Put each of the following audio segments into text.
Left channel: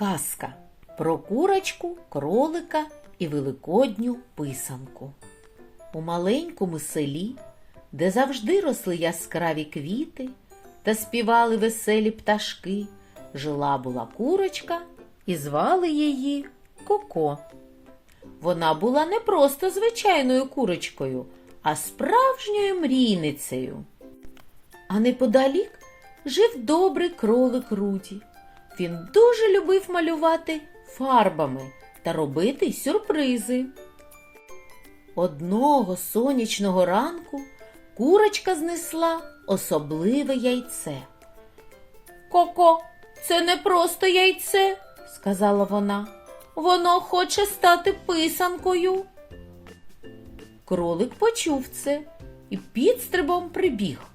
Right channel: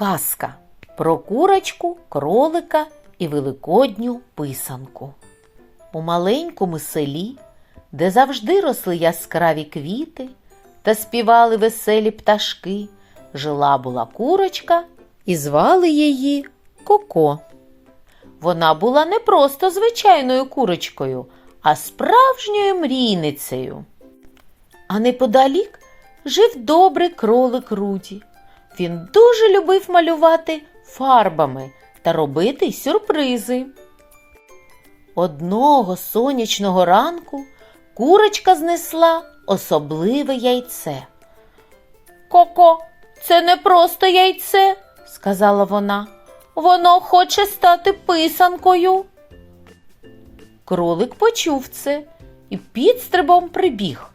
Казка про курочку, кролика і великодню писанку. У маленькому селі, де завжди росли яскраві квіти та співали веселі пташки, жила була курочка і звали її Коко. Вона була не просто звичайною курочкою, а справжньою мрійницею. А неподалік жив добрий кролик Руді. Він дуже любив малювати фарбами та робити сюрпризи. Одного сонячного ранку курочка знесла особливе яйце. Коко, це не просто яйце, сказала вона. Воно хоче стати писанкою. Кролик почув це і підстрибом прибіг.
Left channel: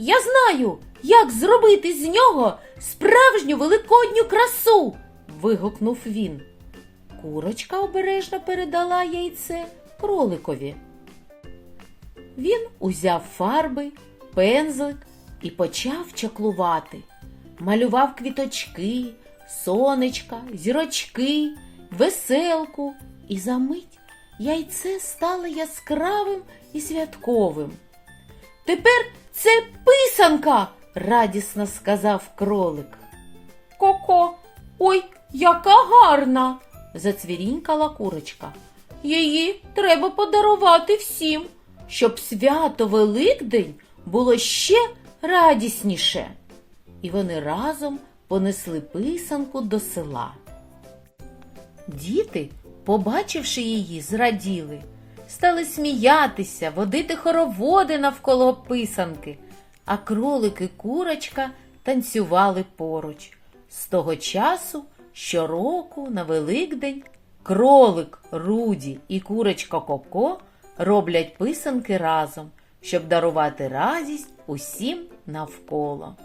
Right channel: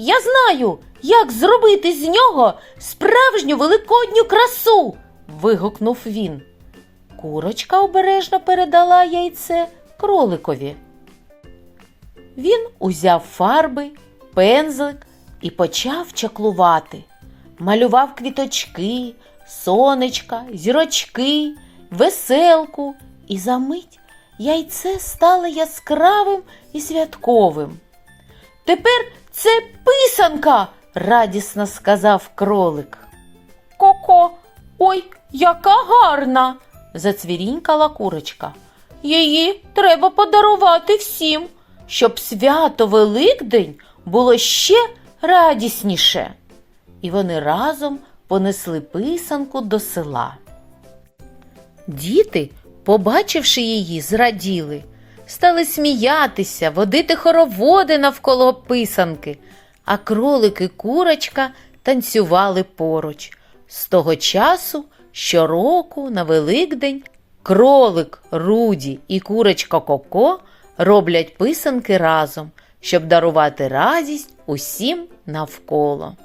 Я знаю, як зробити з нього справжню великодню красу. вигукнув він. Курочка обережно передала яйце кроликові. Він узяв фарби, пензлик і почав чаклувати. Малював квіточки, сонечка, зірочки, веселку, і за мить яйце стало яскравим і святковим. Тепер це писанка, радісно сказав кролик. Коко, ой, яка гарна, зацвірінькала курочка. Її треба подарувати всім, щоб свято Великдень було ще радісніше. І вони разом понесли писанку до села. Діти, побачивши її, зраділи, стали сміятися, водити хороводи навколо писанки, а кролик і курочка танцювали поруч. З того часу щороку на Великдень кролик Руді і курочка Коко роблять писанки разом, щоб дарувати радість усім навколо.